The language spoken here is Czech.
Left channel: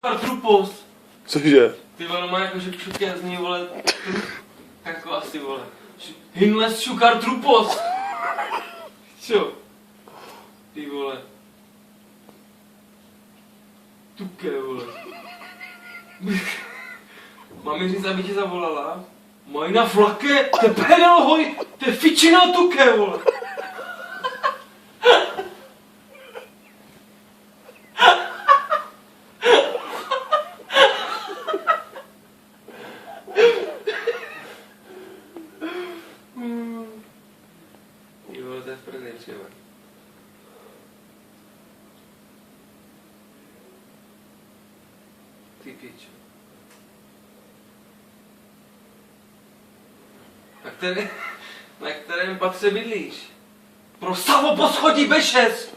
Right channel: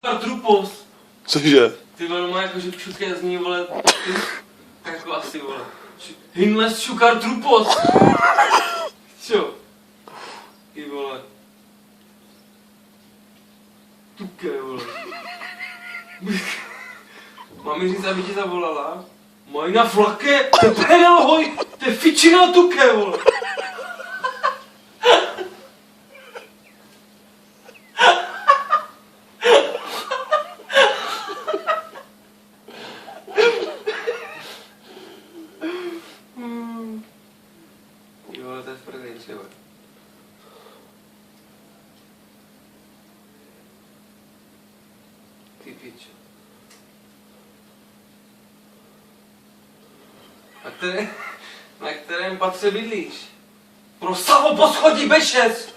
Trupos. Cože? Ty vole, má jakože všude zní, vole, jako asi, vole. Hinles šukar trupos. Čo? Ty vole. Tuké, vole. Mám mi říct, aby tě zavolala? Majna flake, te pedal hoj, te fičina tuké, vole. Jo, to je fakt nejčevé. Ty pičo. Na kterém patře bydlíš? Pro Savo poschodí B6!